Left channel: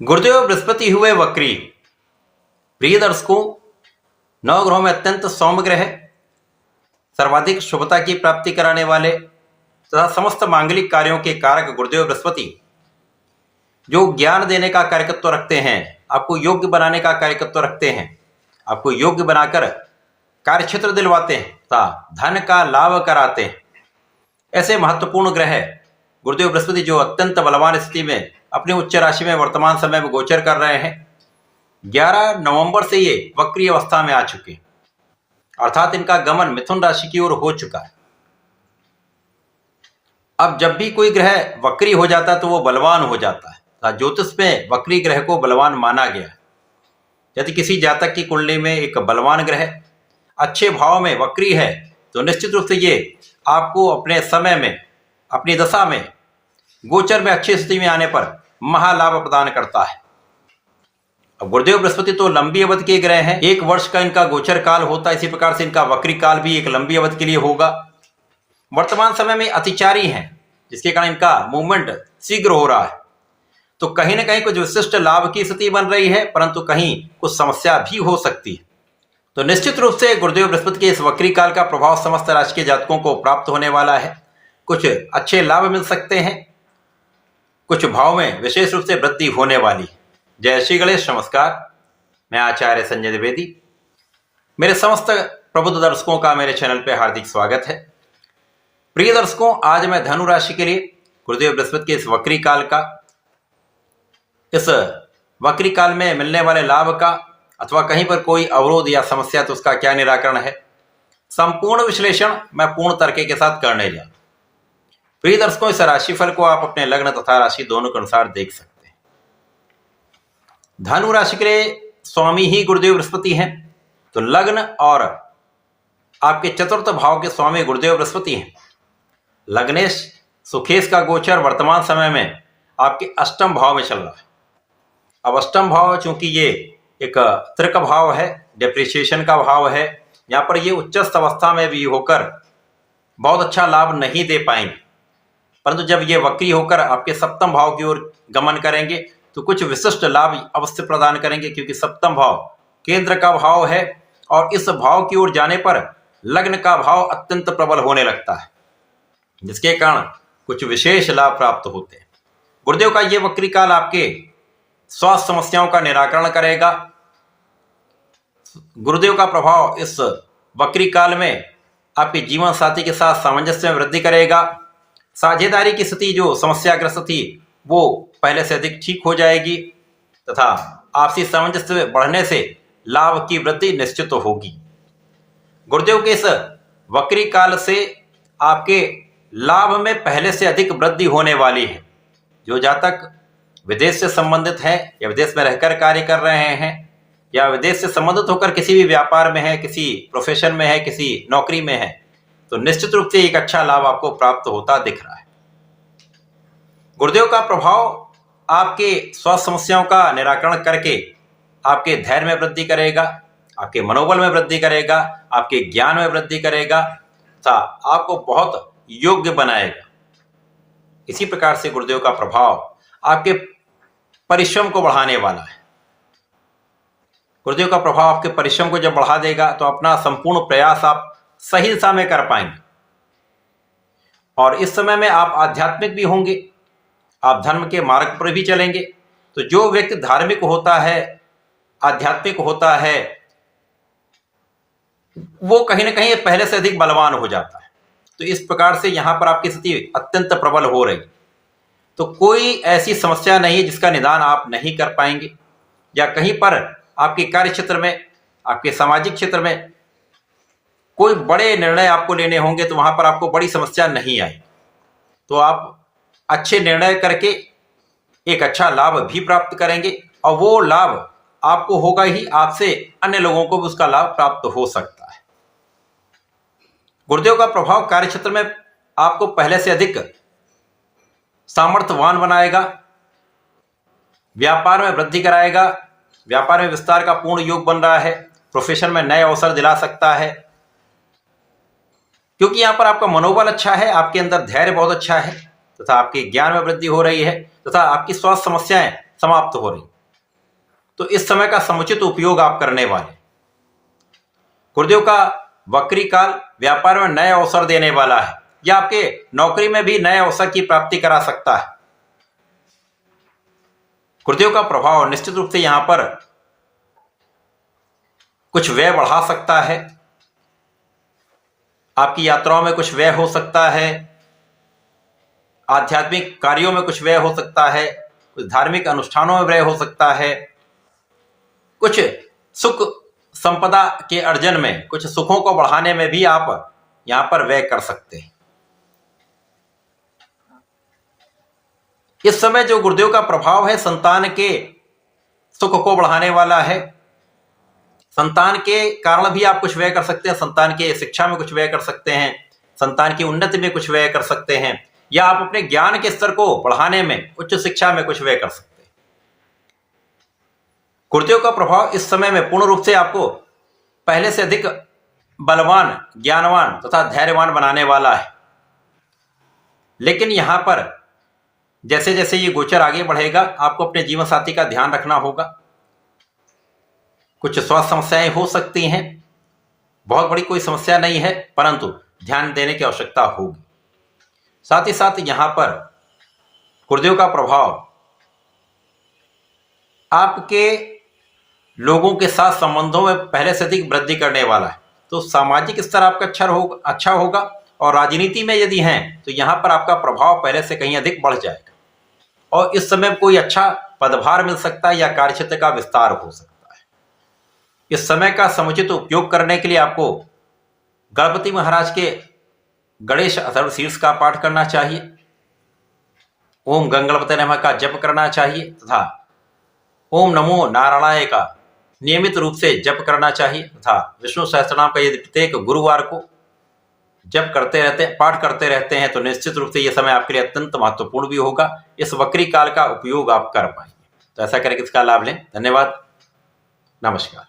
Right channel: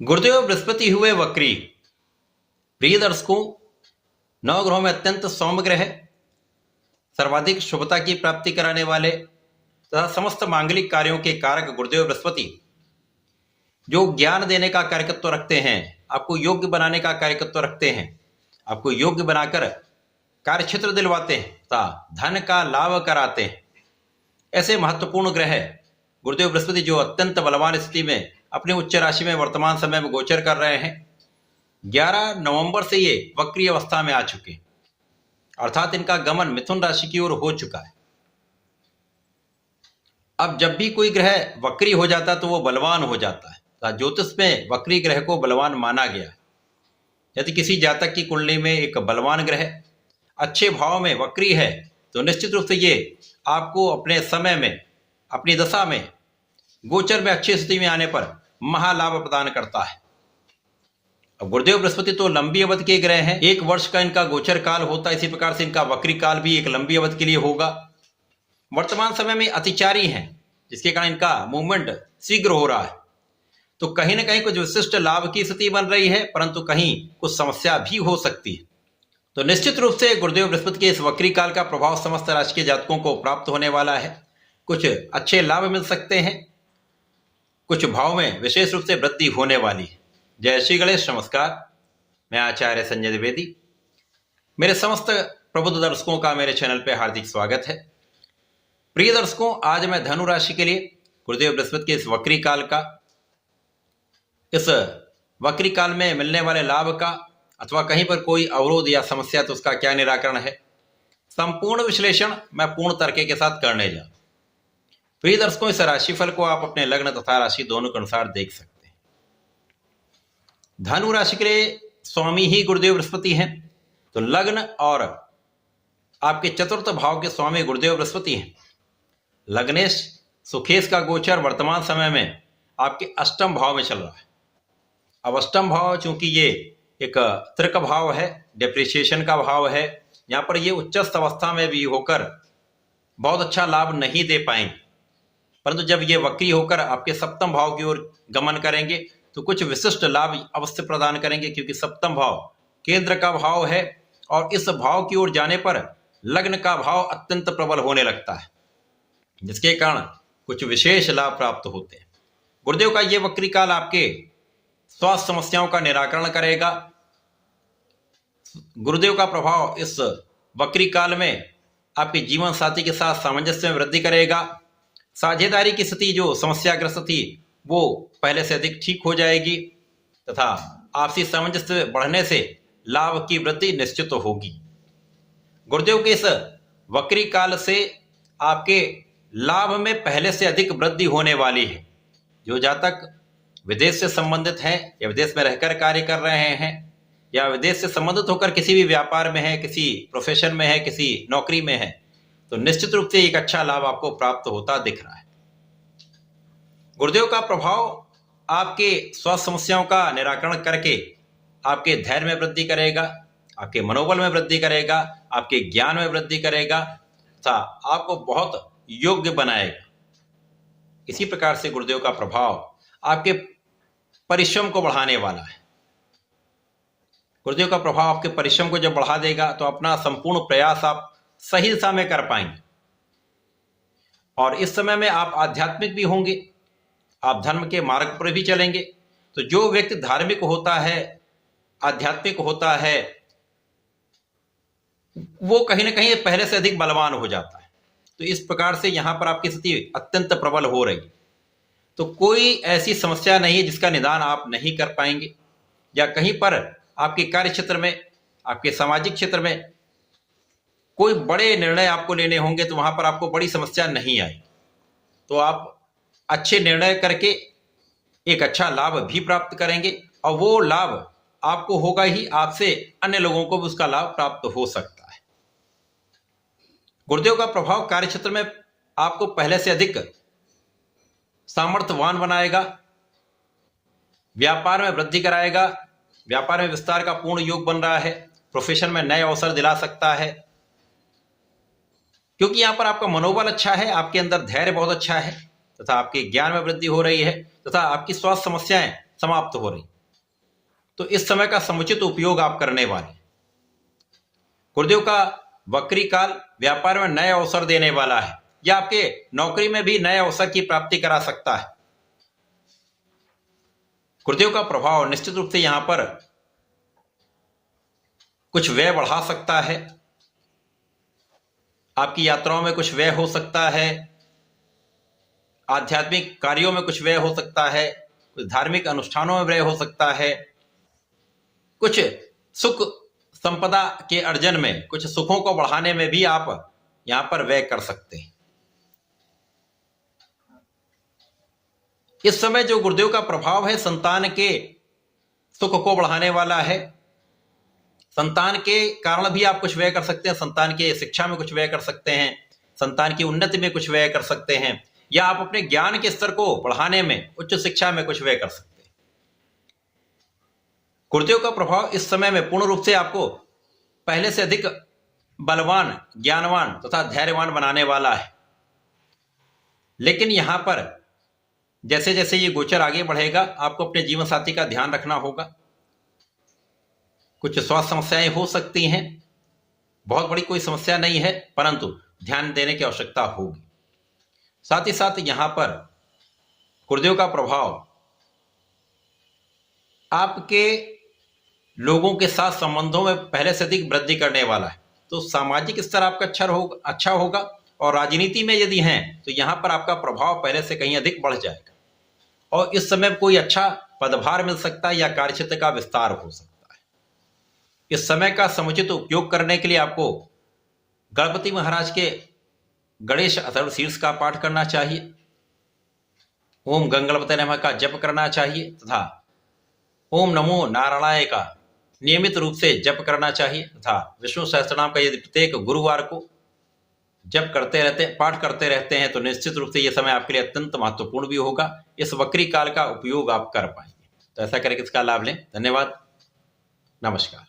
गुरुदेव बृहस्पति हुए वक्री। प्रिय दर्शकों, नवग्रहों में अत्यंत सौम्य ग्रह, सर्वाधिक शुभता की प्राप्ति कराने वाले तथा समस्त मांगलिक कार्यों के कारक गुरुदेव बृहस्पति जो ज्ञान देने का कार्यकत्व रखते हैं, आपको योग्य बनाने का कार्यकत्व रखते हैं, आपको योग्य बनाकर कार्यक्षेत्र दिलवाते हैं तथा धन का लाभ कराते हैं। ऐसे महत्वपूर्ण ग्रह गुरुदेव बृहस्पति जो अत्यंत बलवान स्थिति में अपनी उच्च राशि में वर्तमान समय में गोचर कर रहे हैं, 11 नवंबर से ये वक्री अवस्था में आ चुके, अर्थात इनका गमन मिथुन राशि की ओर हो चुका है। अब जब भी कोई ग्रह वक्री हो जाता है तो वो बलवान हो जाता है। ज्योतिष में वक्री ग्रह को बलवान माना गया। यदि किसी जातक की कुंडली में एक बलवान ग्रह अच्छे भाव में वक्री है तो निश्चित रूप से ये आपको अपने समय में, अपनी दशा में, गोचर में अच्छी स्थिति में आने पर महालाभ प्रदान करता है। अब गुरुदेव बृहस्पति तो लंबी अवधि के ग्रह हैं, 1 वर्ष का इनका गोचर काल होता है। इसी प्रकार से इनका वक्री काल भी एक लंबी अवधि के लिए होगा। वर्तमान समय में अतिचारी हैं, जिसके कारण इनका मूवमेंट शीघ्र हो रहा है। तो कहीं ना कहीं कुछ विशिष्ट लाभ की स्थिति बन रही है, परंतु कहीं कुछ समस्या भी हो सकती है। तो निश्चित रूप से गुरुदेव बृहस्पति के इस वक्री काल का प्रभाव समस्त राशि के जातकों को प्राप्त होने वाला है। कुछ अच्छे लाभ मिल सकते हैं, कुछ भाव में विशेष रूप से वृद्धि होने वाली है। जय श्री गणेश। नमस्कार, मैं आचार्य संजय द्विवेदी। मेरे समस्त प्रबुद्ध दर्शकों का मेरे चैनल पे हार्दिक स्वागत है। प्रिय दर्शकों, आज मैं धनु राशि के लिए गुरुदेव बृहस्पति के इस वक्री काल का, इस वक्री काल में मिलने वाले लाभ का, अथवा कहीं पर कोई अवरोध या समस्या तो उसका क्या निराकरण है, संपूर्ण विश्लेषण मैं पूर्ण तर्क के साथ करने जा। प्रिय दर्शकों, इस राशिफल को आप अपने लग्न तथा राशि दोनों के अनुसार देख सकते हैं। धनु राशि के लिए स्वामी ही गुरुदेव बृहस्पति हैं, तो लग्न और आपके चतुर्थ भाव के स्वामी गुरुदेव बृहस्पति हैं। लग्नेश सुखेश का गोचर वर्तमान समय में आपके अष्टम भाव में चल रहा है। अब अष्टम भाव चूंकि ये एक त्रिक भाव है, डेप्रिसिएशन का भाव है, यहाँ पर ये उच्चस्थ अवस्था में भी होकर बहुत अच्छा लाभ नहीं दे पाएंगे, परंतु जब ये वक्री होकर आपके सप्तम भाव की ओर गमन करेंगे तो कुछ विशिष्ट लाभ अवश्य प्रदान करेंगे, क्योंकि सप्तम भाव केंद्र का भाव है और इस भाव की ओर जाने पर लग्न का भाव अत्यंत प्रबल होने लगता है, जिसके कारण कुछ विशेष लाभ प्राप्त होते हैं। गुरुदेव का ये वक्री काल आपके स्वास्थ्य समस्याओं का निराकरण करेगा। गुरुदेव का प्रभाव इस वक्री काल में आपके जीवन साथी के साथ सामंजस्य में वृद्धि करेगा। साझेदारी की स्थिति जो समस्याग्रस्त थी वो पहले से अधिक ठीक हो जाएगी तथा आपसी सामंजस्य बढ़ने से लाभ की वृद्धि निश्चित होगी। गुरुदेव के इस वक्री काल से आपके लाभ में पहले से अधिक वृद्धि होने वाली है। जो जातक विदेश से संबंधित है या विदेश में रहकर कार्य कर रहे हैं या विदेश से संबंधित होकर किसी भी व्यापार में है, किसी प्रोफेशन में है, किसी नौकरी में है, तो निश्चित रूप से एक अच्छा लाभ आपको प्राप्त होता दिख रहा है। गुरुदेव का प्रभाव आपके स्वास्थ्य समस्याओं का निराकरण करके आपके धैर्य में वृद्धि करेगा, आपके मनोबल में वृद्धि करेगा, आपके ज्ञान में वृद्धि करेगा तथा आपको बहुत योग्य बनाएगा। इसी प्रकार से गुरुदेव का प्रभाव आपके परिश्रम को बढ़ाने वाला है। गुरुदेव का प्रभाव आपके परिश्रम को जब बढ़ा देगा तो अपना संपूर्ण प्रयास आप सही दिशा में कर पाएंगे और इस समय में आप आध्यात्मिक भी होंगे, आप धर्म के मार्ग पर भी चलेंगे। तो जो व्यक्ति धार्मिक होता है, आध्यात्मिक होता है, वो कहीं ना कहीं पहले से अधिक बलवान हो जाता है। तो इस प्रकार से यहां पर आपकी स्थिति अत्यंत प्रबल हो रही। तो कोई ऐसी समस्या नहीं है जिसका निदान आप नहीं कर पाएंगे, या कहीं पर आपके कार्य क्षेत्र में, आपके सामाजिक क्षेत्र में कोई बड़े निर्णय आपको लेने होंगे तो वहां पर आपको बड़ी समस्या नहीं आई। तो आप अच्छे निर्णय करके एक अच्छा लाभ भी प्राप्त करेंगे और वो लाभ आपको होगा ही, आपसे अन्य लोगों को भी उसका लाभ प्राप्त हो सकता है। गुरुदेव का प्रभाव कार्य क्षेत्र में आपको पहले से अधिक सामर्थ्यवान बनाएगा, व्यापार में वृद्धि कराएगा, व्यापार में विस्तार का पूर्ण योग बन रहा है, प्रोफेशन में नए अवसर दिला सकता है, क्योंकि यहां पर आपका मनोबल अच्छा है, आपके अंदर धैर्य बहुत अच्छा है तथा आपके ज्ञान में वृद्धि हो रही है तथा आपकी स्वास्थ्य समस्याएं समाप्त हो रही। तो इस समय का समुचित उपयोग आप करने वाले। गुरुदेव का वक्री काल व्यापार में नए अवसर देने वाला है या आपके नौकरी में भी नए अवसर की प्राप्ति करा सकता है। गुरुदेव का प्रभाव निश्चित रूप से यहां पर कुछ व्यय बढ़ा सकता है, आपकी यात्राओं में कुछ व्यय हो सकता है, आध्यात्मिक कार्यों में कुछ व्यय हो सकता है, कुछ धार्मिक अनुष्ठानों में व्यय हो सकता है, कुछ सुख संपदा के अर्जन में, कुछ सुखों को बढ़ाने में भी आप यहां पर व्यय कर सकते हैं। इस समय जो गुरुदेव का प्रभाव है संतान के सुख को बढ़ाने वाला है। संतान के कारण भी आप कुछ व्यय कर सकते हैं, संतान के शिक्षा में कुछ व्यय कर सकते हैं, संतान की उन्नति में कुछ व्यय कर सकते हैं, या आप अपने ज्ञान के स्तर को बढ़ाने में, उच्च शिक्षा में कुछ व्यय कर सकते हैं। गुरुदेव का प्रभाव इस समय में पूर्ण रूप से आपको पहले से अधिक बलवान, ज्ञानवान तथा धैर्यवान बनाने वाला है। लेकिन यहां पर जैसे जैसे ये गोचर आगे बढ़ेगा आपको अपने जीवन साथी का ध्यान रखना होगा। कुछ स्वास्थ्य समस्याएं हो सकती हैं, बहुत बड़ी कोई समस्या नहीं है, परंतु ध्यान देने की आवश्यकता होगी। साथ ही साथ यहां पर गुरुदेव का प्रभाव आपके लोगों के साथ संबंधों में पहले से अधिक वृद्धि करने वाला है। तो सामाजिक स्तर आपका अच्छा होगा और राजनीति में यदि हैं तो यहां पर आपका प्रभाव पहले से कहीं अधिक बढ़ जाएगा और इस समय कोई अच्छा पदभार मिल सकता है या कार्यक्षेत्र का विस्तार हो सकता है। इस समय का समुचित उपयोग करने के लिए आपको गणपति महाराज के गणेश अथर्व शीर्ष का पाठ करना चाहिए, ओम गंगणपते नमः का जप करना चाहिए तथा ओम नमो नारायणाय का नियमित रूप से जप करना चाहिए तथा विष्णु सहस्त्रनाम का यदि प्रत्येक गुरुवार को जप करते रहते हैं, पाठ करते रहते हैं तो निश्चित रूप से यह समय आपके लिए अत्यंत महत्वपूर्ण भी होगा। इस वक्री काल का उपयोग आप कर पाएंगे। तो ऐसा करके इसका लाभ लें। धन्यवाद, नमस्कार।